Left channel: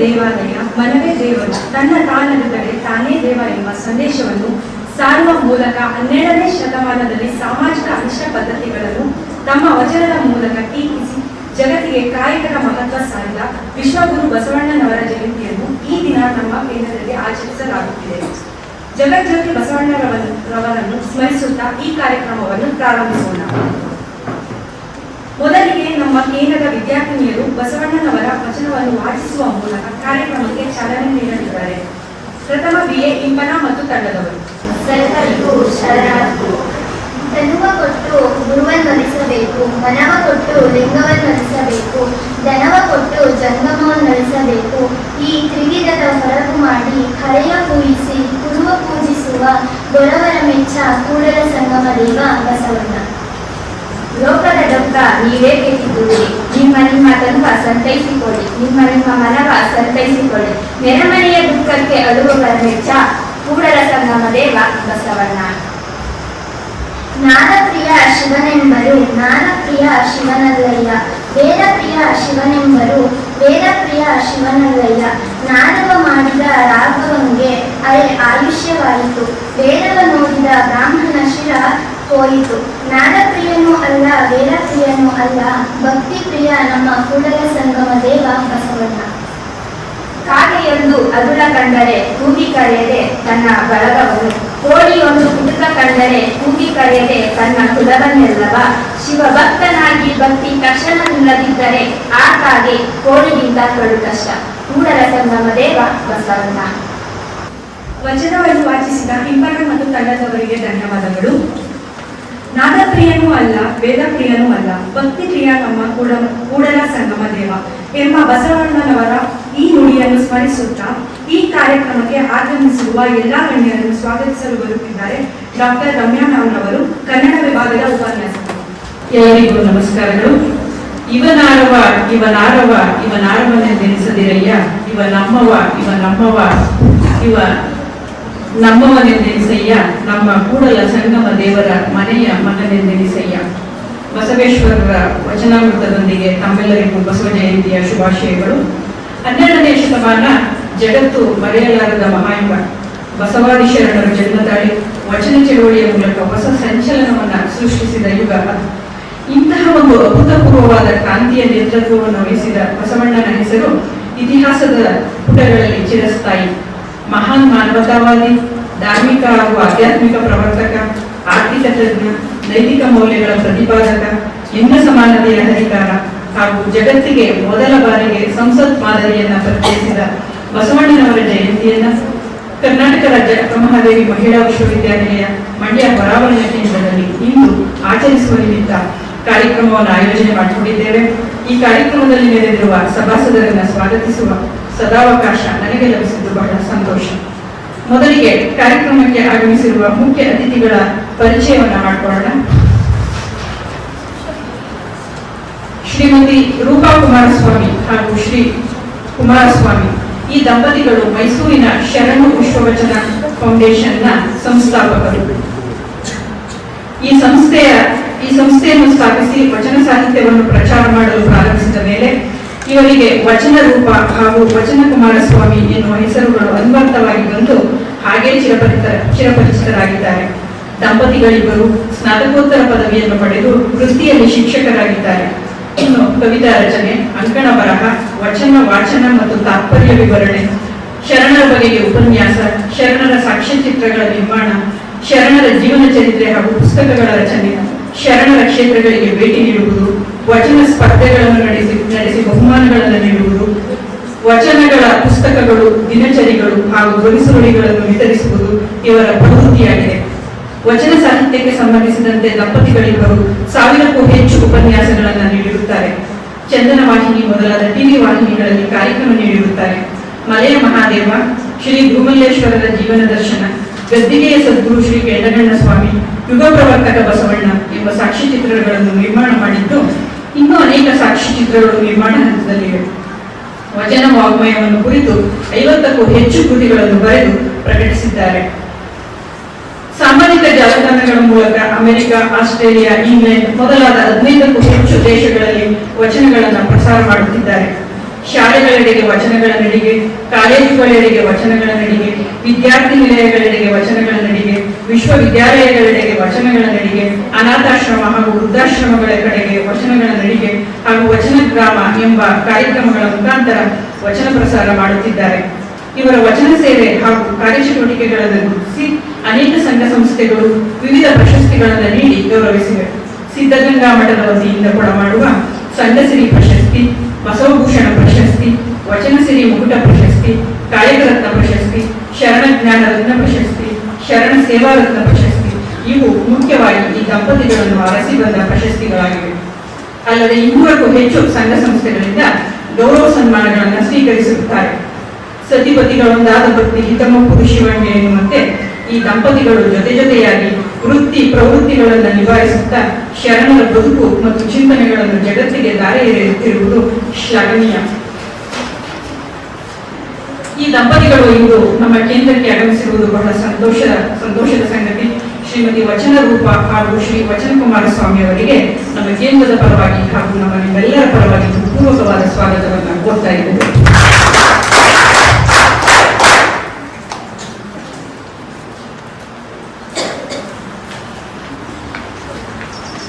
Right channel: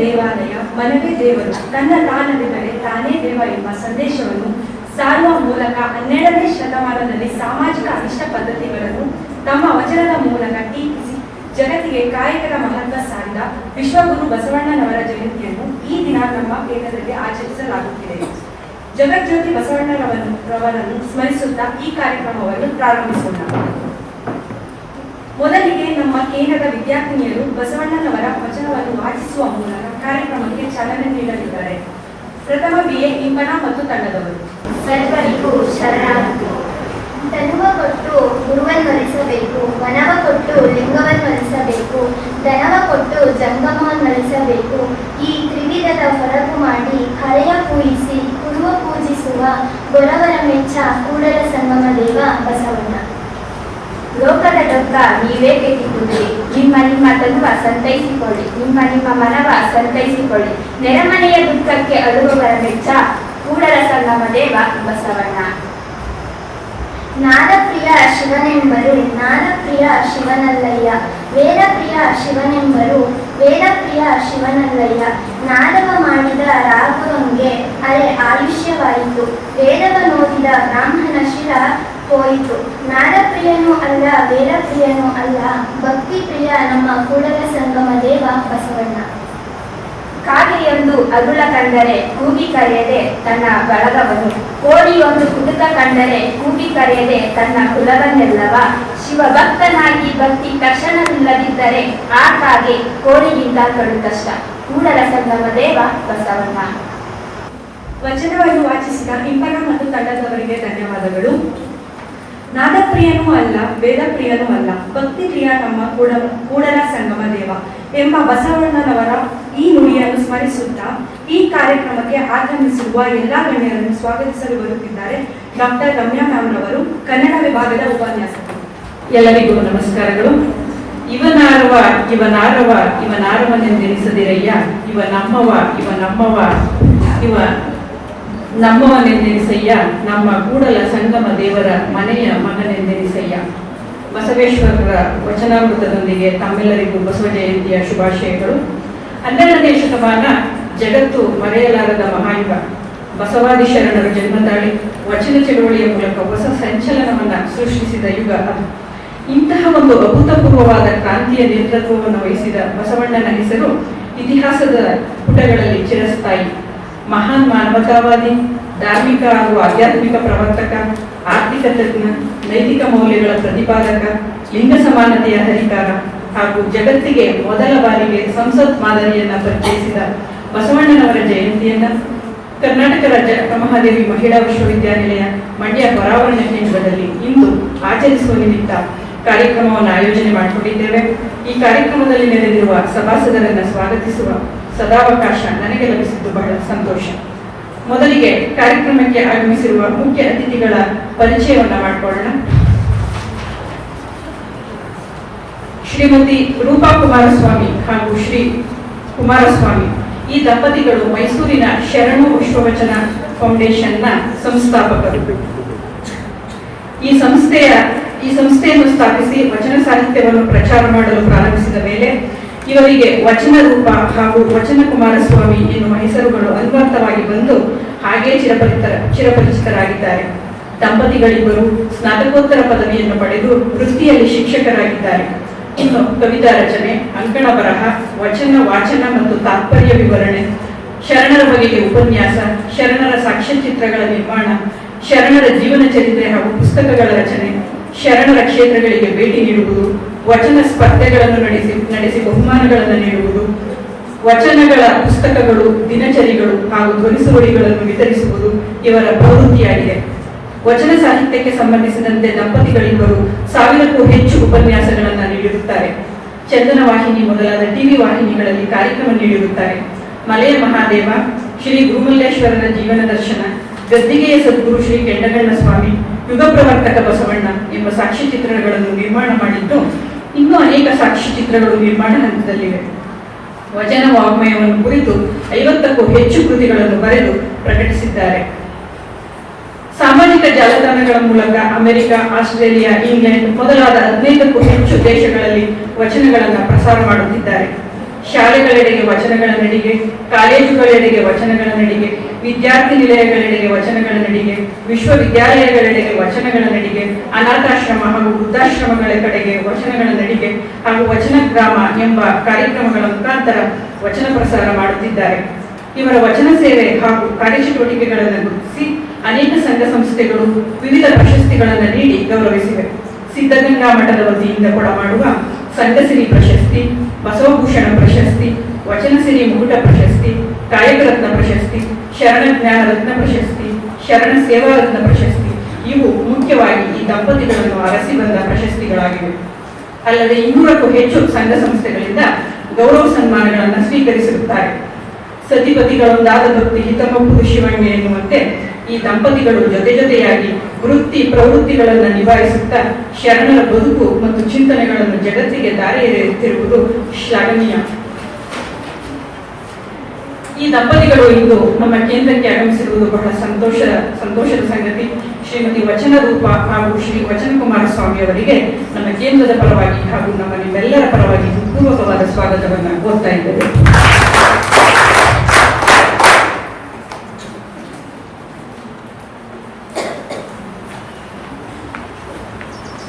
ದೇವಾಲಯ ಮನವೇ ದೇವರು ತನ್ನ ತಾನರಿದರೆ ತಾನೇ ದೇವ ಎಂಬ ಸಂದೇಶವನ್ನು ಸಾರುವ ಮೂಲಕ ಹನ್ನೆರಡನೇ ಶತಮಾನದಲ್ಲಿ ಸಾಮಾಜಿಕ ಅನಿಷ್ಟ ಪದ್ಧತಿಗಳನ್ನು ತಮ್ಮ ವಚನದ ಮೂಲಕ ಟೀಕಿಸಿ. ಜಗತ್ತಿಗೆ ಕಾಯಕರ ಮಹತ್ವ ಸಾರಿದ ವಿಶ್ವಗುರು ಬಸವಣ್ಣನವರ ಜಯಂತಿಯನ್ನು ಈ ದಿನ ನಮ್ಮ ಕೇಂದ್ರದಲ್ಲಿ ಆಚರಿಸಲಾಗುತ್ತಿದೆ. ಜಗಜ್ಯೋತಿ ಬಸವಣ್ಣರವರನ್ನು ರವರನ್ನು ಸ್ಮರಿಸುತ್ತಾ ಈ ಕಾರ್ಯಕ್ರಮವನ್ನು ಪ್ರಾರಂಭಿಸೋಣ. ಮೊದಲಿಗೆ ನಮ್ಮ ಕೇಂದ್ರದ ವಿದ್ಯಾರ್ಥಿನಿಯರು ಬಸವಣ್ಣನವರ ವಚನವನ್ನು ವಾಚಿಸುವ ಮೂಲಕ ಕಾರ್ಯಕ್ರಮಕ್ಕೆ ಚಾಲನೆ ನೀಡಲಿದ್ದಾರೆ. ಪ್ರಥಮ ಬಿಎ ಇಂಬನ ಮತ್ತು ತಂಡದವರು. ಸರ್ವರಿಗೂ ಶರಣಾರ್ಥಿ. ತನುವ ಕೊಟ್ಟು ಗುರುವನ್ನರಿಸಬೇಕು ಮನವ ಕೊಟ್ಟು ಲಿಂಗವನ್ನರಿಸಬೇಕು ಧನವ ಕೊಟ್ಟು ಜಂಗಮವನ್ನರಿಸಬೇಕು ಈ ತ್ರಿವಿಧದ ಹೊರಗು ಮಾಡಿ ಹರೆಯ ಪೂಜಿಸಿ ಗುರುವ ಪೂಜಿಸುವ ಗೊರವರ ಮೆಚ್ಚ ಕೂಡಲ ಸಂಗಮ ದೇವ ಬಸವಣ್ಣ. ಲೋಕದ ದುಃಖ ನೀವೇ ಕೇಳಿಕೊಳ್ಳಿ. ನಿಮ್ಮ ನಿಮ್ಮ ದುಃಖ ಸಂತೈಸಿಕೊಳ್ಳಿ. ನಿಮ್ಮ ನಿಮ್ಮ ಮನವ ಸಂತೈಸಿಕೊಳ್ಳಿ. ನೆರೆಮನೆಯ ದುಃಖಕ್ಕೆ ಅಳುವುಗಳ ಮೆಚ್ಚ ಕೂಡರ ಸಂಗಮ ದೇವ ಬಸವಣ್ಣ. ನಾದಪ್ರಿಯ ಶಿವನೆಂಬರು ನಾದಪ್ರಿಯ ಶಿವನಲ್ಲಯ್ಯ. ವೇದಪ್ರಿಯ ಶಿವನೆಂಬರು ವೇದಪ್ರಿಯ ಶಿವನಲ್ಲಯ್ಯ. ನಾದವ ಮಾಡಿದ ರಾಘವಂಗೆ ಅರೆ ಆಯುಷ್ಯವಾಯಿತು. ವೇದವ ನೋಡಿದ ಬ್ರಾಹ್ಮಣ ಶಿರ ಹೋಯಿತು. ನಾದಪ್ರಿಯನೂ ಅಲ್ಲ ವೇದಪ್ರಿಯನೂ ಅಲ್ಲ ಭಕ್ತಿ ಪ್ರಿಯ ನಮ್ಮ ಕೂಡಲ ಸಂಗಮ ದೇವ ಬಸವಣ್ಣ. ಕಾಗೆಯೊಂದು ಅದುಳ ಕಂಡರೆ ಕೂಗಿ ಕರೆಯದೆ ತನ್ನ ಬಳಗವನು ಕೋಳಿಯೊಂದು ಕುಟುಕ ಕಂಡರೆ ಕೂಗಿ ಕರೆಯದೆ ತನ್ನ ಕುಲವನ್ನೆಲ್ಲವ. ಶಿವಭಕ್ತನಾಗಿ ಭಕ್ತಿ ತಕ್ಷಣವಿಲ್ಲದಿದ್ದರೆ ಆ ಕಾಗೆ ಕೋಳಿಗಿಂತ ಕಡು ಕಷ್ಟ. ಕೂಡಲ ಸಂಗಮ ದೇವ ಬಸವಣ್ಣ. ವಚನವನ್ನು ವಾಚಿಸಿದ ಇಂಪನ ಮತ್ತು ತಂಡದವರಿಗೆ ಧನ್ಯವಾದಗಳು. ನಾದಪ್ರಿಯನೂ ಅಲ್ಲ, ವೇದಪ್ರಿಯನೂ ಅಲ್ಲ. ಭಕ್ತಿ ಪ್ರಿಯ ನಮ್ಮ ಕೂಡ ಕೂಡಲ ಸಂಗಮ ದೇವ ಎಂಬ ಬಸವಣ್ಣನವರ ಈ ನುಡಿಯನ್ನು ಸ್ಮರಿಸುತ್ತಾ ಈ ಕಾರ್ಯಕ್ರಮಕ್ಕೆ ಆಗಮಿಸಿರುವ ಎಲ್ಲಾ ಗಣ್ಯರನ್ನು ಸ್ವಾಗತಿಸಲು ಬರುತ್ತಿದ್ದಾರೆ ಡಾಕ್ಟರ್ ರಮ್ಯಾ ಮ್ಯಾಮ್ ರವರು ಕನ್ನಡ ವಿಭಾಗದ ಉಪನ್ಯಾಸಕರು. ಎಲ್ಲರಿಗೂ ನಮಸ್ಕಾರಗಳು. ಇವನಾರವ ಇವನಾರವ, ಇವನಾರವನೆಂದೆನಿಸದಿರಯ್ಯ. ಇವ ನಮ್ಮವ ಇವ ನಮ್ಮವ, ಇವ ನಮ್ಮವನೆಂದೆನಿಸಯ್ಯ ನಮ್ಮ ಕೂಡಲ ಸಂಗಮ ದೇವರ ಮನೆಯ ಮಗನೆಂದೆನಿಸಯ್ಯ ಬಸವೇಶ್ವರರ ವಚನಾಮೃತದೊಂದಿಗೆ ತಮ್ಮೆಲ್ಲರಿಗೂ ಬಸವ ಜಯಂತಿಯ ಶುಭಾಶಯಗಳು. ಹನ್ನೆರಡನೇ ಶತಮಾನ ಜಗತ್ತು ಮರೆಯಲಾರದ ಮಹಾಯುಗ. ಬಸವಾದಿ ಶರಣರ ಜನ್ಮದಾಳಿ ವಚನ ಚಳವಳಿಯ ಮೂಲಕ ಹೊಸ ಸಂಚಲನವನ್ನು ಸೃಷ್ಟಿಸಿದ ಯುಗ ಇಂತಹ ಒಂದು ಅಭೂತಪೂರ್ವವಾದ ಕ್ರಾಂತಿಯ ನೇತೃತ್ವವನ್ನು ವಹಿಸಿದ ಬಸವಣ್ಣನ ಹೆಸರು ಇತಿಹಾಸದ ಪುಟಗಳಲ್ಲಿ ಚಿರಸ್ಥಾಯಿ. ಮಹಾನ್ ಮಾನವತಾವಾದಿ, ಧಾರ್ಮಿಕ ಹಾಗೂ ಆಧ್ಯಾತ್ಮಿಕ ಪ್ರವರ್ತಕ, ಆರ್ಥಿಕ ತಜ್ಞ, ನೈತಿಕ ಮೌಲ್ಯಗಳ ಪ್ರತಿಪಾದಕ, ಲಿಂಗ ಸಮಾನತೆಯ ಅಧಿಕಾರ ಹಾಗೂ ಜಗತ್ತಿಗೆ ಮೊದಲ ಬಾರಿಗೆ ಸಂಸತ್ ಮಾದರಿಯನ್ನ ಪರಿಚಯಿಸಿದ ಬಸವಣ್ಣನವರ ಜಯಂತಿಯನ್ನ ಕರ್ನಾಟಕ ರಾಜ್ಯ ಮಹಾದೇವಿ ಮಹಿಳಾ ವಿಶ್ವವಿದ್ಯಾನಿಲಯ ಮಂಡ್ಯ ಪರಾವರಣ ಕೇಂದ್ರದಲ್ಲಿ ಇಂದು ಆಚರಿಸುವ ನಿಮಿತ್ತ ಕಾರ್ಯಕ್ರಮವನ್ನು ಆಯೋಜನೆ ಮಾಡಿಕೊಂಡಿದ್ದೇವೆ. ಈ ಕಾರ್ಯಕ್ರಮದಲ್ಲಿ ನೆರೆದಿರುವ ಸಭಾಸದರನ್ನ ಸ್ವಾಗತಿಸುವ ಸದಾವಕಾಶ ನನಗೆ ಲಭಿಸಿದ್ದು ಬಹಳ ಸಂತೋಷ. ಮೊದಲಿಗೆ ಕಾರ್ಯಕ್ರಮಕ್ಕೆ ಆಗಮಿಸಿರುವ ಮುಖ್ಯ ಅತಿಥಿಗಳ ಪರಿಚಯವನ್ನ ಮಾಡಿಕೊಳ್ಳೋಣ. ಶ್ರೀಮತಿ ರೂಪಾ ಕುಮಾರಸ್ವಾಮಿ ಹಾಗೂ ಶ್ರೀ ಕುಮಾರಸ್ವಾಮಿ, ಈ ದಂಪತಿಗಳು ಮೈಸೂರಿನ ಶರಣು ವಿಶ್ವವಚನ ಫೌಂಡೇಶನ್ನ ಸಂಸ್ಥಾಪಕರು. ಈ ಸಂಸ್ಥೆಯ, ಈ ಸಂಸ್ಥೆಯನ್ನು ಸ್ಥಾಪಿಸಿ ವಚನ ಸಾಹಿತ್ಯವನ್ನು ಪ್ರಚಾರ ಮಾಡಲು ಪ್ರಾರಂಭಿಸಿದ ಮೇಲೆ ಇವರಿಗೆ ವಚನ ರೂಪ ಹಾಗೂ ವಚನ ಕುಮಾರಸ್ವಾಮಿ ಎನ್ನುವ ಹೆಸರುಗಳು ಅನ್ವರ್ಥವಾಗಿ ಬಂದು ಹಾಗೆ ಚಿರಪರಿತ ಚಿರಪರಿಚಿತರಾಗಿದ್ದಾರೆ. ದಂಪತಿಗಳಿಬ್ಬರು ಸ್ನಾತಕೋತ್ತರ ಪದವಿಯನ್ನು ಪಡೆದು ವೃತ್ತಿಯಲ್ಲಿ ಶಿಕ್ಷಕರಾಗಿದ್ದಾರೆ. ಇನ್ನು ಕವಿತಾ ರಚನೆ, ಅಂಕಣ ಬರಹ, ವಚನ ವಾಚನ ಮತ್ತು ತಾತ್ಪರ್ಯ ವಿವರಣೆ, ಶರಣರ ಬಗೆಗೆ ಉಪನ್ಯಾಸ, ಶರಣರ ಸಾಕ್ಷ್ಯಚಿತ್ರಗಳ ನಿರ್ಮಾಣ, ಶರಣರ ಜೀವನ ಚರಿತ್ರೆ ಹಾಗೂ ಪುಸ್ತಕಗಳ ರಚನೆ, ಶರಣರ ಕ್ಷೇತ್ರಗಳಿಗೆ ಭೇಟಿ ನೀಡುವುದು ವಚನ ಸ್ಪರ್ಧೆಗಳನ್ನು ನಡೆಸಿ ನಡೆಸಿ ಬಹುಮಾನಗಳನ್ನು ನೀಡುವುದು, ವಚನಗಳ ಪುಸ್ತಕಗಳು, ದಿನಚರಿಗಳು ಹಾಗೂ ಧ್ವನಿಸುವಳಿಗಳನ್ನು ವಿತರಿಸುವುದು ಇವರ ಪ್ರವೃತ್ತಿಯಾಗಿದೆ. ವಚನ ಸಾಹಿತ್ಯಕ್ಕೆ ಸಂಬಂಧಿಸಿದಂತೆ ದಂಪತಿಗಳಿಬ್ಬರು ಸಾವಿರಕ್ಕೂ ಹೆಚ್ಚು ಉಪನ್ಯಾಸಗಳನ್ನು ನೀಡಿರುತ್ತಾರೆ. ಚಂದನ ವಾಹಿನಿ ಮೊದಲಾದ ಟಿವಿ ವಾಹಿನಿಗಳಲ್ಲಿ ಕಾರ್ಯಕ್ರಮ ನೀಡಿರುತ್ತಾರೆ. ಮಲೆಯ ಮಹಾದೇವ, ಶ್ರೀ ಭೂಮಲ್ಲೇಶ್ವರರ ಜೀವನ ದರ್ಶನ, ಗದ್ದಿಗೆಯ ಸದ್ಗುರು ಶ್ರೀ ಕೆಂಡಗಣ್ಣ ಸ್ವಾಮಿ ಯುಗ ಪ್ರವರ್ತಕ ಬಸವಣ್ಣ ಎಂಬ ಸಾಕ್ಷ್ಯಚಿತ್ರಗಳನ್ನು ನಿರ್ಮಾಣ ಮಾಡಿದ್ದು ಇನ್ನೂ ಅನೇಕ ಸಾಕ್ಷ್ಯಚಿತ್ರಗಳು ನಿರ್ಮಾಣ ಹಂತದಲ್ಲಿವೆ ವಚನ ವಾಗ್ಮಯವನ್ನು ಕುರಿತು ಐವತ್ತಕ್ಕೂ ಹೆಚ್ಚು ಕೃತಿಗಳನ್ನು ಬರೆದು ಪ್ರಕಟಿಸಿದ್ದಾರೆ. ಸಾಮಾಜಿಕ ಜಾಲತಾಣಗಳ ಮೂಲಕ ಅಮೆರಿಕ, ಆಸ್ಟ್ರೇಲಿಯಾ, ಇಂಗ್ಲೆಂಡ್ ಮೊದಲಾದ ಹದಿನೈದಕ್ಕೂ ಹೆಚ್ಚು ದೇಶಗಳಲ್ಲಿ ವಚನಗಳನ್ನು ಪ್ರಸಾರ ಮಾಡುತ್ತಿದ್ದಾರೆ. ಶಾಲೆಗಳೆಡೆಗೆ ವಚನಗಳ ನಡಿಗೆ ಕಾಲೇಜುಗಳೆಡೆಗೆ ವಚನಗಳ ನಡಿಗೆ ವಿದ್ಯಾರ್ಥಿ ನಿಲಯಗಳೆಡೆಗೆ ವಚನಗಳ ನಡಿಗೆ ವಿಶ್ವವಿದ್ಯಾಲಯಗಳೆಡೆಗೆ ವಚನಗಳ ನಡಿಗೆ ಅನಾಥಾಶ್ರಮ ಹಾಗೂ ವೃದ್ಧಾಶ್ರಮಗಳ ಕಡೆಗೆ ವಚನಗಳ ನಡಿಗೆ ಹಾಗೂ ವಚನ ಗ್ರಾಮ ಎಂಬ ಕಾರ್ಯಕ್ರಮಗಳ ಮುಖಾಂತರ ವಚನ ಪ್ರಸಾರ ಮಾಡುತ್ತಿದ್ದಾರೆ. ಇವರ ವಚನ ಸೇವೆ ಹಾಗೂ ಕಾರ್ಯಚಟುವಟಿಕೆಗಳನ್ನು ಗುರುತಿಸಿ ಅನೇಕ ಸಂಘ ಸಂಸ್ಥೆಗಳು ವಿವಿಧ ಪ್ರಶಸ್ತಿಗಳನ್ನು ನೀಡಿ ಗೌರವಿಸಿವೆ. ಸಿದ್ಧಗಂಗಾ ಮಠದ ವತಿಯಿಂದ ಕೊಡಮಾಡುವ ಸಂಘಸಿರಿ ಪ್ರಶಸ್ತಿ ವಚನಸಿರಿ ಮುಕುಟ ಪ್ರಶಸ್ತಿ ಕಾಯಕರತ್ನ ಪ್ರಶಸ್ತಿ, ಶರಣ ಜ್ಞಾನ ರತ್ನ ಪ್ರಶಸ್ತಿ, ಶರಣ ಸೇವಾ ರತ್ನ ಪ್ರಶಸ್ತಿ, ಇವು ಮುಖ್ಯವಾಗಿ ಈ ದಂಪತಿಗಳನ್ನು ಅರಸಿಬಂದ ಪ್ರಶಸ್ತಿಗಳಾಗಿವೆ. ಅಲ್ಲದೆ ಇನ್ನೂರಕ್ಕೂ ಹೆಚ್ಚು ಸಂಘ ಸಂಸ್ಥೆಗಳಿಂದ ಗೌರವ ಸನ್ಮಾನಗಳನ್ನು ಸ್ವೀಕರಿಸಿರುತ್ತಾರೆ ಸತಿಪತಿಗಳೊಂದಾದ ಭಕ್ತಿ, ಹಿತಮಪ್ಪು ಶಿವಣ್ಯ ಎನ್ನುವಂತೆ ಈ ದಂಪತಿಗಳು ಜೊತೆ ಜೊತೆಯಾಗಿ ವೃತ್ತಿ ಪ್ರವೃತ್ತಿಗಳನ್ನು ನಿಭಾಯಿಸುತ್ತಾ ಶರಣರ ಬದುಕು ಮತ್ತು ಚಿಂತನೆಗಳನ್ನು ಜಗತ್ತಿಗೆ ದಾರಿ ಎರೆಯುತ್ತಿರುವುದು ಶ್ಲಾಘನೀಯ. ಈ ದಂಪತಿಗಳು ಇಂದು ನಮ್ಮ ಕೇಂದ್ರಕ್ಕೆ ಆಗಮಿಸಿರುವುದು ಬಹಳ ಸಂತೋಷ, ಸಂತೋಷದ ಸಂಗತಿ. ಶ್ರೀಮತಿ ವಚನ ರೂಪ ಹಾಗೂ ಶ್ರೀ ವಚನ ಕುಮಾರಸ್ವಾಮಿ ಅವರಿಗೆ ನಮ್ಮ ಕೇಂದ್ರದ ಪರವಾಗಿ ಹಾಗೂ ನಮ್ಮ ನಿಮ್ಮೆಲ್ಲರ ಪರವಾಗಿ ಪೂರ್ವಕವಾದ ಸ್ವಾಗತವನ್ನು ಕೋರ್ತಾ ಇದ್ದೇವೆ.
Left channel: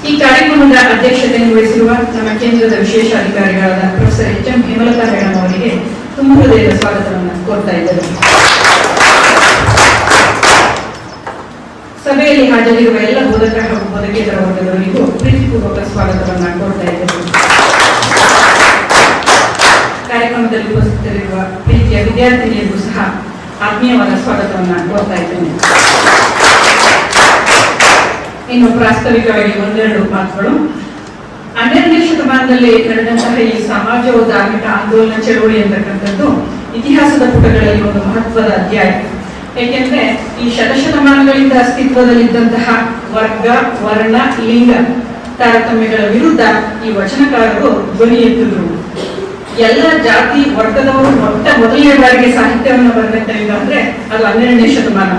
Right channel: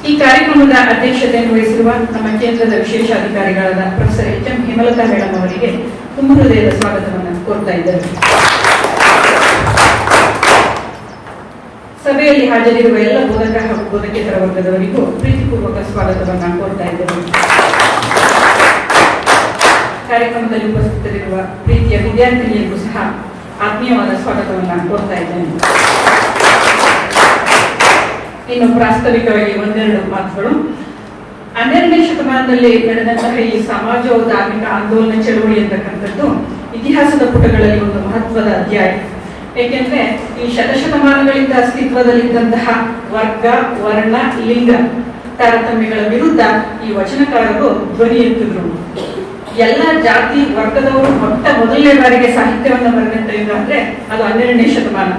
ಈ ಕಾರ್ಯಕ್ರಮದ ಅಧ್ಯಕ್ಷತೆಯನ್ನು ವಹಿಸಿರುವ ನಮ್ಮ ಕೇಂದ್ರದ ವಿಶೇಷ ಅಧಿಕಾರಿಗಳಾದ professor H M Hemalatha madam ಅವರಿಗೆ ತುಂಬ ಹೃದಯದ ಸ್ವಾಗತವನ್ನು ಕೋರ್ತಾ ಇದ್ದಾರೆ. ಸಭೆಯಲ್ಲಿ ಹಾಜರಿರುವ ಎಲ್ಲ ಬೋಧಕ ಹಾಗೂ ಬೋಧಕೇತರ ವರ್ಗದವರಿಗೂ ಪ್ರೀತಿಪೂರ್ವಕ ಸ್ವಾಗತವನ್ನು ಕೋರ್ತಾ ಇದ್ದರು ಕಾರ್ಯಕ್ರಮದಲ್ಲಿ ಉಪಸ್ಥಿತರಿರುವ ಪ್ರೀತಿಯ ವಿದ್ಯಾರ್ಥಿನಿಯರಿಗೂ ಸಹ ಆತ್ಮೀಯವಾದ ಸ್ವಾಗತವನ್ನು ಕೊಡ್ತಾ ಇದ್ದೇನೆ. ಇನ್ನು ಪ್ರಾಸ್ತಾವಿಕವಾಗಿ ಒಂದೆರಡು ಮಾತುಗಳು. ಹನ್ನೆರಡನೇ ಶತಮಾನದಲ್ಲಿ ನಡೆದಂತಹ ಈ ಸಮಾಜೋಧಾರ್ಮಿಕ ಆಂದೋಲನ ಚಳವಳಿ ಎಂಬತಕ್ಕಂಥದ್ದು ಇತಿಹಾಸದ ಪುಟಗಳಲ್ಲಿ ಒಂದು ಮಹತ್ವದ ಅಧ್ಯಾಯ. ಏಕೆಂದ್ರೆ ಈ ಶತಶತಮಾನಗಳಿಂದ ಅಸ್ತಿತ್ವದಲ್ಲಿದ್ದಂತಹ ವರ್ಗ, ವರ್ಣ, ಲಿಂಗ ತಾರತಮ್ಯಗಳ ವಿರುದ್ಧ ಈ ವಚನಕಾರರು ಧ್ವನಿ ಎತ್ತಿದ್ರು. ಎಲ್ಲ ಜಾತಿ, ವರ್ಗದವರು ಮೊಟ್ಟ ಮೊದಲನೇ ಬಾರಿಗೆ ಸಾಹಿತ್ಯವನ್ನು ಬರೆದಿದ್ದರಿಂದ ಅಂದ್ರೆ ಅದು ಹನ್ನೆರಡನೇ ಶತಮಾನ.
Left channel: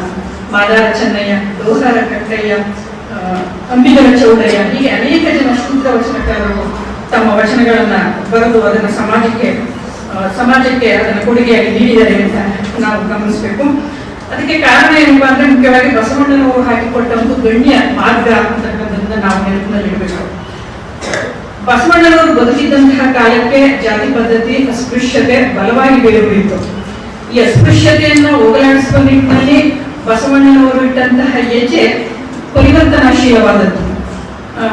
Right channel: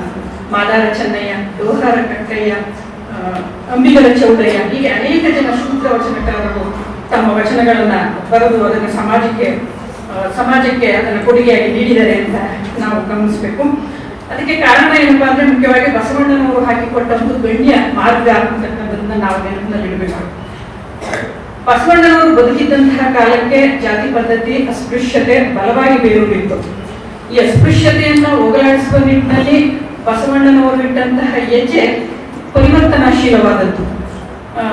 ಮಾದಾರ ಚೆನ್ನಯ್ಯ, ದೋಸಾರ ಕಟ್ಟಯ್ಯ ಅಂಬಿಗರ ಚೌಡಯ್ಯ, ಹೀಗೆ ಅನೇಕ ಜನ ಶೂದ್ರ ವಚನಕಾರರು ತಮ್ಮ ವಚನಗಳನ್ನ ಬರೆದು ಅದನ್ನ ಸಮಾಜಕ್ಕೆ ಸಮಾಜಕ್ಕೆ ಅದನ್ನ ಕೊಡುಗೆಯಾಗಿ ನೀಡಿದ್ದಾರೆ ಅಂತ ನಾವು ಗಮನಿಸಬೇಕು. ಅದಕ್ಕೆ ಕಾರಣ ಏನಪ್ಪ ಅಂದ್ರೆ ಮುಖ್ಯವಾಗಿ ಬಸವಣ್ಣನವರು ಹಾಕಿಕೊಟ್ಟ ಒಂದು ಗಣ್ಯ ಮಾರ್ಗ ಅಂತಕ್ಕಂಥದ್ದನ್ನ ನಾವು ನೆನಪಿನಲ್ಲಿಡಬೇಕು ಬಸವಣ್ಣನವರು ಬದುಕಿದ್ದಂತಹ ಕಾಲಕ್ಕೆ ಜಾತಿ ಪದ್ಧತಿ, ಅಸ್ಪೃಶ್ಯತೆ ಬಲವಾಗಿ ಬೇರೂರಿತ್ತು. ಈ ಅಸ್ಪೃಶ್ಯತೆಯನ್ನ ಹೋಗಲಾಡಿಸುವ ನಿಟ್ಟಿನಲ್ಲಿ ಬಸವಣ್ಣನವರು ಇಟ್ಟಂತಹ ಹೆಜ್ಜೆ ಪರಿವರ್ತನಾಶೀಲವಾದದ್ದು.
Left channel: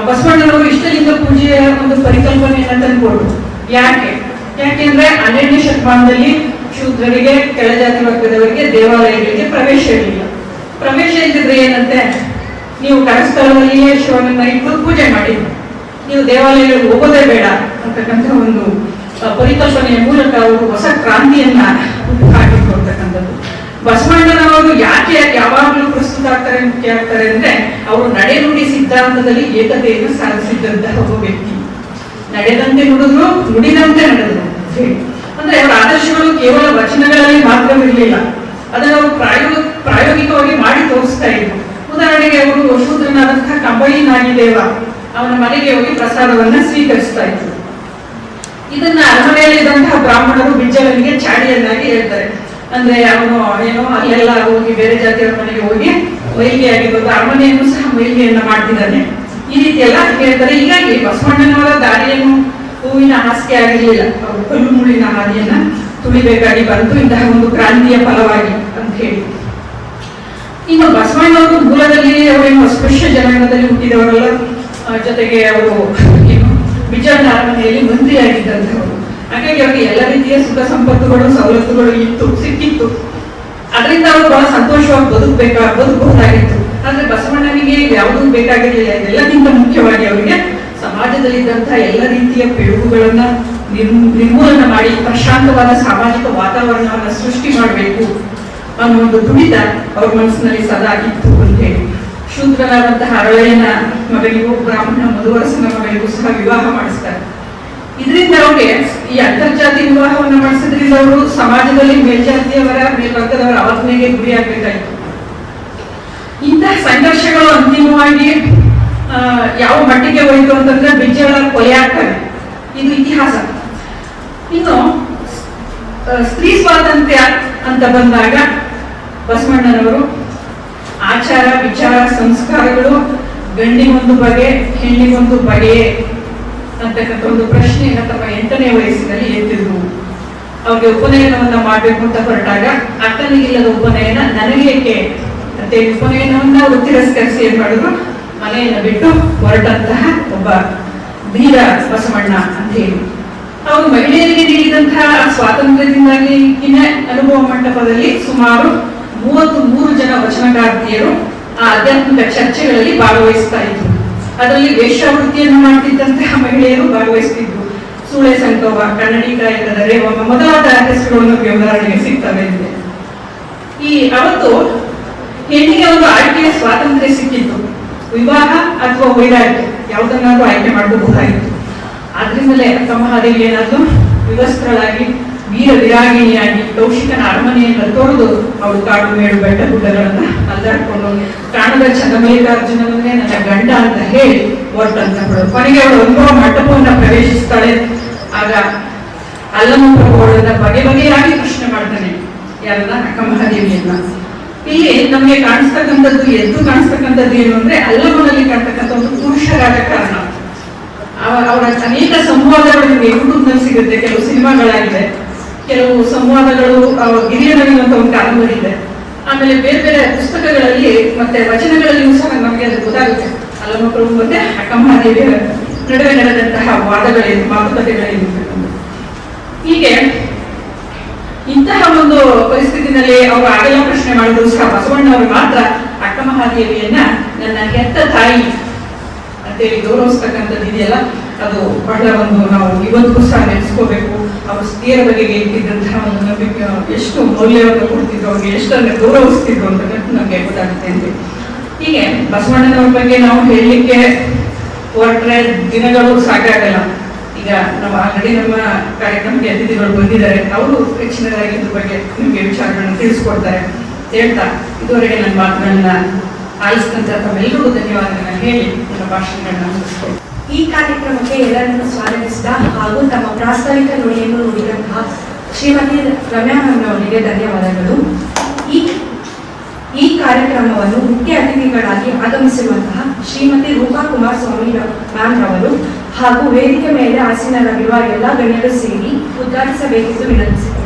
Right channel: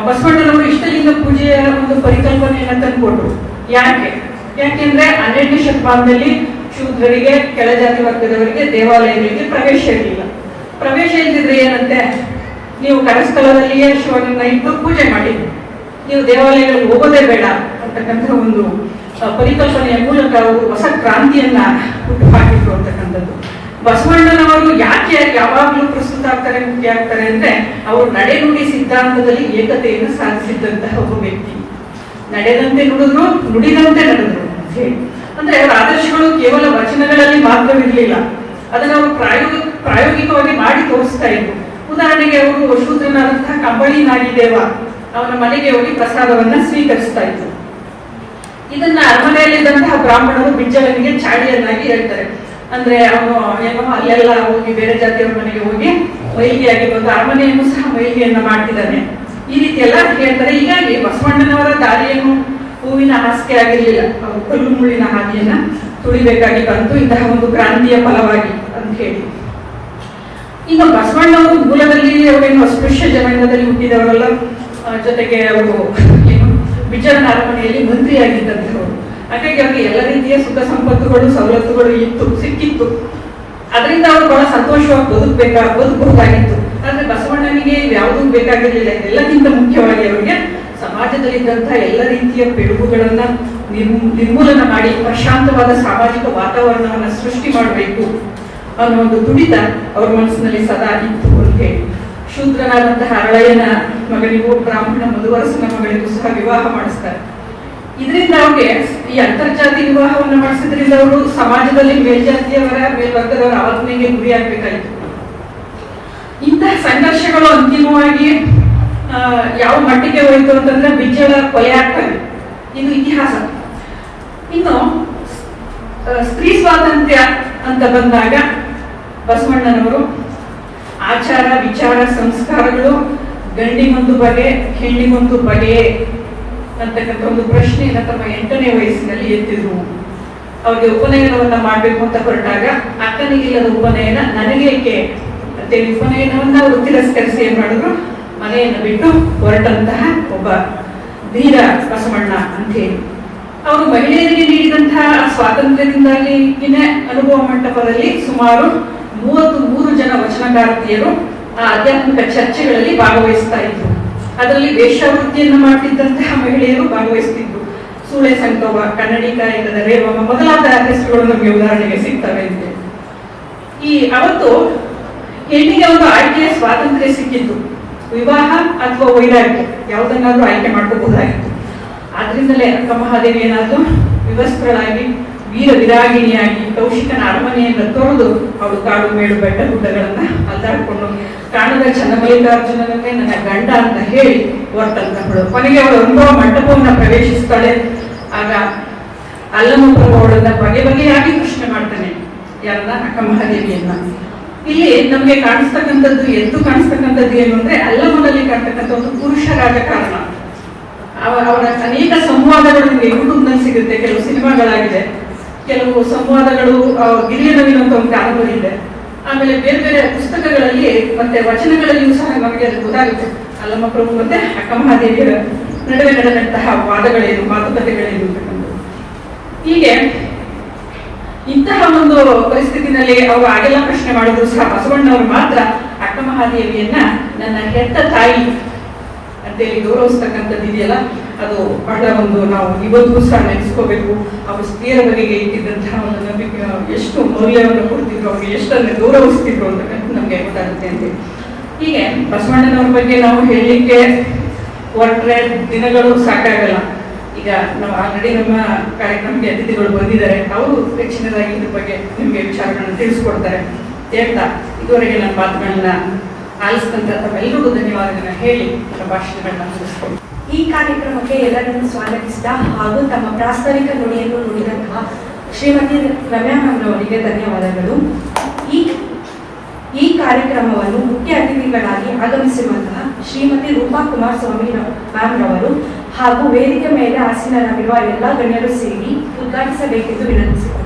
ಬಸವಣ್ಣನವರು ಇಷ್ಟಲಿಂಗ ಪೂಜೆಯ ಒಂದು ಪರಿಕಲ್ಪನೆಯನ್ನು ತಂದುಕೊಟ್ರು. ಯಾಕೆ? ಯಾಕೆಂದ್ರೆ ಹನ್ನೆರಡನೇ ಶತಮಾನದಲ್ಲಿ ಶೂದ್ರರಿಗೆ ಕೆಳಜಾತಿ ವರ್ಗದವರಿಗೆ, ದೇವಾಲಯಗಳಿಗೆ ಪ್ರವೇಶ ಇರಲಿಲ್ಲ. ಪ್ರವೇಶ ಇಲ್ಲದಿದ್ರೆ ಏನಂತೆ? ನೀವು ಕರಸ್ಥಳದಲ್ಲಿಯೇ ಶಿವನನ್ನ ಇಟ್ಟು ಪೂಜೆ ಮಾಡಿ ನೀವು ದೇವಾಲಯಗಳಿಗೆ ಹೋಗೋದೇ ಬೇಡ ಅಂತಕ್ಕಂಥ ಒಂದು ಪರಿಕಲ್ಪನೆಯ ಮೂಲಕ ಅವರು ಹೊಸ ಕ್ರಾಂತಿಯನ್ನ ಹುಟ್ಟು ಹಾಕಿದ್ರು ಅಂತಕ್ಕಂಥದ್ದು. ಬಸವಣ್ಣನವರು ಯಾಕೆ ಯಾವಾಗಲೂ ಪ್ರಸ್ತುತ ಆಗ್ತಾರೆ, ಮುಖ್ಯ ಆಗ್ತಾರೆ ಅಂದ್ರೆ, ಅವರು ನಡೆನುಡಿ ಸಿದ್ಧಾಂತದಲ್ಲಿ ಏಕತೆಯನ್ನು ಸಾಧಿಸಿದ್ದಂತಹ ಒಬ್ಬ ವ್ಯಕ್ತಿ. ನಡೆದಂತೆ ನುಡಿದ್ರು, ನುಡಿದಂತೆ ನಡೆದ್ರು. ಅಂದ್ರೆ ಅವರ ಆದರ್ಶಗಳು ಕೇವಲ ವಚನಗಳಲ್ಲಿ ಮಾತ್ರವಿರಲಿಲ್ಲ ಅದನ್ನು ಅವರು ಪ್ರಾಯೋಗಿಕ, ಪ್ರಾಯೋಗಿಕವಾಗಿ ಮಾಡಿ ತೋರಿಸ್ತಾ ಇದ್ರು. ಉದಾಹರಣೆಗೆ ಅವರು ಶೂದ್ರನಾದಂತಹ ಕಂಬಳಿ ನಾಗಿದೇವ ಅವನ ಮನೆಗೆ ಹೋಗಿ ಪ್ರಸಾದವನ್ನ ಸ್ವೀಕರಿಸ್ತಾ ಇದ್ರು. ಇದನ್ನ ಅರಮನೆಯಲ್ಲಿದ್ದಂತಹ ಬ್ರಾಹ್ಮಣರು ಬಿಜ್ಜಲನಿಗೆ ಚಾಡಿಯನ್ನಾಗಿ ಹೇಳ್ತಾರೆ. ಅಂದ್ರೆ ಅವನು ಏನೋ ಅಲ್ಲೆಲ್ಲ ಹೋಗಿ ಬೇರೆ ಜಾತಿಯವರ ಮನೆಗೆ ಹೋಗಿ ಮೈಲಿ ಆಗಿರ್ಬೋದು ಅರಮನೆಯನ್ನು ಸಹ ಮೈಲಿಯನ್ನ ಮಾಡ್ತಿದ್ದಾನೆ. ಈ ರೀತಿ ಎಲ್ಲ ಹೇಳ್ತಾರೆ. ಹೀಗಾಗಿ ಬಸವಣ್ಣನವರ ದಾರಿಯನ್ನು ಹೂವಿನ ಹಾಸಿಗೆ ಆಗಿರಲಿಲ್ಲ. ಅವರು ಕಲ್ಲು ಮುಳ್ಳಿನ ಹಾದಿಯನ್ನ ತುಳಿಬೇಕಾಗಿ ಬಂತು. ಇಂತಹ ಒಂದು ಕ್ರಾಂತಿಯ ಫಲವಾಗಿ ಅಂತ ಹೇಳಿ. ಈಗ ಬಸವಣ್ಣವರು ಮೂಲದಲ್ಲಿ ಅವರೇನು ಅಸ್ಪೃಶ್ಯ ಜನಾಂಗದಲ್ಲಿ ಹುಟ್ಟಿದವರಲ್ಲ ಜೊತೆಗೆ ಅವರು ಬಿಜಾರ್ನ ಅರಮನೆಯಲ್ಲಿ ಮಂತ್ರಿಯಾಗಿದ್ದಂಥವರು ಹಾಗಾಗಿ ಅವರಿಗೆ ಎಲ್ಲ ರೀತಿಯ ಸುಖ ಸಂಪತ್ತುಗಳು, ಸವಲತ್ತುಗಳು ಇತ್ತು, ಸಿಕ್ಕಿತ್ತು. ಅದರಿಂದ ಅವರು ಬಹಳ ಸಂತೋಷವಾಗಿ ಬದುಕಬೇಕಾ, ಬದುಕಬಹುದಾಗಿತ್ತು. ಆದ್ರೆ ಬಸವಣ್ಣನಿಗೆ ಯಾವುದೂ ಬೇಕಾಗಿರಲಿಲ್ಲ. ಎಲ್ಲಕ್ಕಿಂತ ಮುಖ್ಯವಾಗಿ ಅವರಿಗೆ ಸಮಾಜದಲ್ಲಿದ್ದಂತಹ ಎಲ್ಲ ರೀತಿಯ ಪಿಡುಗುಗಳನ್ನ ನಿರ್ಮೂ- ನಿರ್ಮೂಲನ ಮಾಡಿ ಪ್ರಶಾಂತವಾದ ಸಾಮಾಜಿಕ ವಾತಾವರಣವನ್ನು ಸೃಷ್ಟಿ ಮಾಡಬೇಕು ಅನ್ನೋ ಒಂದು ತುಡಿತ ಅವ್ರ ಮನಸ್ಸಿನಲ್ಲಿ ಸದಾ ಇತ್ತು ಅಂತ ಹೇಳಿ. ಶೂದ್ರನಾದಂತಹ ಅರಳಯ್ಯನ ಮಗಳಿಗೂ ಬ್ರಾಹ್ಮಣ ಮಧುವರಸನ ಮಗಳಿಗೂ ಸಹ ವಿವಾಹ ಮಾಡಿಸ್ತಾರೆ. ಇದರಿಂದ ಅವ್ರಿಗೆ ಈ ಅಂತರ್ಜಾತಿ ವಿವಾಹವನ್ನು ಮಾಡಿಸಿದ್ರಿಂದ ಅವರು ಸಮಾಜದಲ್ಲಿ ಮೇಲ್ಜಾತಿಯವರ, ಮೇಲ್ವರ್ಗದವರ ಅವಜ್ಞೆಗೆ ಗುರಿಯಾಗಬೇಕಾಯಿತು. ಇಂತಹ ಸಂಘರ್ಷಗಳು ಅಂತಿಮವಾಗಿ ಯಾವ ಮಟ್ಟಿಗೆ ಹೋಯಿತು ಅಂತಂದ್ರೆ ಬಿಜ್ಜಳ ಕೊಲೆ ಆಗ್ತಾರೆ ಇದು. ಇತಿಹಾಸ. ಇನ್ನು ಸ್ತ್ರೀ ಸ್ವಾತಂತ್ರ್ಯ ಅಂತ ಬಂದಾಗ ಬಸವಣ್ಣನವರು ಆಚಾರ, ವಿಚಾರ, ಸಂಸ್ಕಾರಗಳು ಗಂಡಿಗೊಂದು ಬಗೆ, ಹೆಣ್ಣಿಗೊಂದು ಬಗೆ ಅಂತಕ್ಕಂಥ ಒಂದು ಪ್ರಶ್ನೆಯನ್ನು ತಮ್ಮ ಎಂಟನೇ ವಯಸ್ಸಿನಲ್ಲಿ ಎತ್ತಿದ್ರು. ಅವ್ರಿಗೆ ಉಪನಯನವನ್ನು ಮಾಡಬೇಕು ಅಂತ ಹೊರಟಾಗ, ಅಕ್ಕನಿಗಿಲ್ಲದ ಉಪನಯನ ನನಗೇಕೆ? ಮತ್ತೆ ಉಪನಯನವನ್ನ ತಿರಸ್ಕರಿಸಿ ಏನ್ ಮಾಡಿದ್ರು? ಮನೆಯನ್ನ ಬಿಟ್ಟು ಹೊರಟಂತಹ ಒಬ್ಬ ಧೀರ ಬಸವಣ್ಣ ಅಂತ ಹೇಳಿ. ಅವರು ಮಹಿಳೆಯರಿಗೆ ನೀಡಿದಂತಹ ಸ್ವಾತಂತ್ರ್ಯದಿಂದಾಗಿ ಇನ್ನ ಅನುಭವ ಮಂಟಪದಲ್ಲಿ ಸುಮಾರು ಮೂವತ್ತು ಮೂರು ಜನ ವಚನಕಾರ್ತಿಯರು ಆ ಆಧ್ಯಾತ್ಮಿಕ ಚರ್ಚೆಗಳಲ್ಲಿ ಭಾಗವಹಿಸ್ತಾ ಇದ್ರು. ಅದರಲ್ಲಿ ವೇಷಾವೃತ್ತಿಯನ್ನು ಮಾಡ್ತಿದ್ದಂತಹ ಮಹಿಳೆಯರು ಭಾಗವಹಿಸ್ತಿದ್ರು. ಸೂಳೆ ಕನ್ನಡಿ ಕಾಯಕದ ರೇವಮ್ಮ ಮೊದಲಾದ ಹೆಸರುಗಳು ನಮಗೆ ಉದಾಹರಣೆಗೆ ಸಿಗ್ತವೆ ಈ ಅವತ್ತು ಹೆಣ್ಣಿಗೆ ಒಂದು ಆಯ್ಕೆಯ ಸ್ವಾತಂತ್ರ್ಯ ಸಿಕ್ಕಿತ್ತು. ವಿವಾಹ ಅಥವಾ ವೈರಾಗ್ಯ ಯಾವುದನ್ನಾದ್ರೂ ಆಯ್ಕೆ ಮಾಡಬಹುದಾಗಿತ್ತು ಆದ್ರಿಂದಲೇ ಅಕ್ಕಮಹಾದೇವಿ ಏನಾದ್ರು ವಿವಸ್ತ್ರಳಾಗಿ, ವೀರ ವಿರಾಗಿಣಿಯಾಗಿ, ಕೌಶಿಕನ ಅರಮನೆಯಿಂದ ತೊರೆದು ಅವಳು ಕಾಡು ಮೇಡು ಬೆಟ್ಟ ಗುಡ್ಡಗಳನ್ನ ಅಲ್ಲಾಡ್ಕೊಂಡು, ಕಾಣದ ಚಂದಮಲ್ಲಿಕಾರ್ಜುನನನ್ನೇ ನನ್ನ ಗಂಡ ಅಂತ ಹೇಳಿ ಹೊರಟಂತ ಕೊನೆಗೆ ಅವಳು ಅನುಭವ ಮಂಟಪವನ್ನ ಪ್ರವೇಶಿಸ್ತಾಳೆ. ಆಗ ಅಲ್ಲಮ್ಮ ಪ್ರಭುಗಳನ್ನ ಬಗೆ ಬಗೆಯಾಗಿ ಪ್ರಶ್ನೆ ಮಾಡ್ತಾನೆ ಯಾರನ್ನ ಅಕ್ಕ ಮಹಾದೇವಿಯನ್ನ? ಇಲ್ಲಿ ನಮಗೆ ಕಾಣಿಸ್ತಕ್ಕಂಥದ್ದು ಎದ್ದು ಕಾಣಿಸ್ತಕ್ಕಂಥದ್ದು ಏನು ಅಂದ್ರೆ ಅಲ್ಲಮ್ಮನಲ್ಲಿ ಕಾಣ್ತಕ್ಕಂಥ ಒಂದು ಪುರುಷ ಕಾರಣ. ಅವರ ಅವರ ಅನೇಕ ಸಂವಾದಗಳು ನಿಮಗೆ ಯೂಟ್ಯೂಬ್ನಲ್ಲಿ ಸಿಗುತ್ತೆ, ಕೆಲವು ಸಿನಿಮಾಗಳಾಗಿದೆ, ಕೆಲವು ಸಂವಾದಗಳು ಅಂತ ಒಂದು ಕಾರಣಗಳಿದೆ ಆಮೇಲೆ ಬೇರೆ ಬೇರೆ ಪುಸ್ತಕಗಳಲ್ಲಿ ಮತ್ತೆ ವಚನಗಳಲ್ಲಿಯೂ ಸಹ ನಮಗೆ ಅದು ಗೊತ್ತಾಗುತ್ತೆ. ಅಲ್ಲಮ್ಮ ಪ್ರಭು ಮತ್ತೆ ಅಕ್ಕಮ್ಮದೇವಿಯರ ನಡುವೆ ನಡೆದಂತಹ ವಾದಗಳೇನು ಮಾತುಕತೆಗಳೇನು ಹೀಗೆ ಇಂತಹ ಒಂದು ಪರಿಸ್ಥಿತಿನಲ್ಲಿ ಅವರು ಆಗೆಲ್ಲ ಪ್ರಶ್ನೆ ಮಾಡಿದ್ರು ಸಹ ಬಸವಣ್ಣವರು ಮಾತ್ರ ಮಹಾದೇವಿಯನ್ನ ನನ್ನ ಹೆತ್ತ ತಾಯಿ ಅಂತೇಳಿ ಗೌರವಿಸ್ತಕ್ಕಂಥದ್ದು ಇದೆಯಲ್ಲ, ಅದು ಬಹಳ ಒಂದು ನಾವು ಇವತ್ತಿಗೂ ಸಹ ನೆನೆಸ್ಕೋಬೇಕು. ಅವರು ಸ್ತ್ರೀಯರ ಬಗೆಗೆ ಇಟ್ಟಿದ್ದಂತಹ ಒಂದು ನಂಬಿಕೆ, ಎಷ್ಟು ಮೌಲ್ಯವನ್ನು ಕೊಡ್ತಿದ್ರು, ಅವ್ರಿಗೆ ಎಷ್ಟನ್ನು ಗೌರವಿಸ್ತಿದ್ರು ಅಂತಕ್ಕಂಥ ನಮಗೆ ಅರ್ಥ ಅಂತ ಹೀಗೆ ಬಸವಣ್ಣನವ್ರ ಬಗ್ಗೆ ನಾವು ಹೇಳಲಿಕ್ಕೆ ಹೊರಟ್ರೆ ದಿನಗಳು ಸಾಕಾಗಲ್ಲ. ಈಗ ನಾವು ಆಲ್ರೆಡಿ ನಮ್ಮ ಕಾರ್ಯಕ್ರಮಕ್ಕೆ ಅತಿಥಿಗಳು ಬಂದಿದ್ದಾರೆ. ಅವರು ಹೆಚ್ಚಿನದಾಗಿ ಇದ್ರ ಬಗ್ಗೆ ನಿಮಗೆ ವಿಚಾರಗಳನ್ನು ತಿಳಿಸ್ಕೊಡ್ತಾರೆ. ಅಂತ ಹೇಳ್ತಾ ಇದುವರೆಗೆ ನನ್ನ ಮಾತುಗಳನ್ನ ಆಲಿಸಿದಂತ ತಮ್ಮೆಲ್ಲರಿಗೂ ಧನ್ಯವಾದಗಳನ್ನ ಹೇಳಿ ನನ್ನ ಭಾಷಣಗಳನ್ನ ಈ ಕಾರ್ಯಕ್ರಮಕ್ಕೆ ಎಲ್ಲರನ್ನು ಸ್ವಾಗತಿಸಿದ ಹಾಗೂ ತಮ್ಮ ಪ್ರಾಸ್ತಾವಿಕ ನುಡಿಯನ್ನು ನುಡಿದಂತಹ ಶ್ರೀಮತಿ ರಮ್ಯಾ ಮ್ಯಾಮ್ ಅವರಿಗೆ ಧನ್ಯವಾದಗಳು. ಈ ಈ ಕಾರ್ಯಕ್ರಮವನ್ನು ಮುಖ್ಯ ಅತಿಥಿಗಳಾಗಿ ಆಗಮಿಸಿರುವಂತಹ ಶ್ರೀಮತಿ ರೂಪಾ ಕುಮಾರಸ್ವಾಮಿ ಮ್ಯಾಮ್ ರವರು ಹಾಗೂ ವೇದಿಕೆ ಮೇಲೆ ಆಸೀನರಾಗಿರುವ ಎಲ್ಲ ಗಣ್ಯರು ಸೇರಿ ಉದ್ಘಾಟಿಸಬೇಕೆಂದು ವಿನಂತಿಸಿದರು.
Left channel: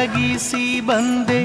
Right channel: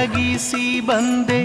लगी सी बंदे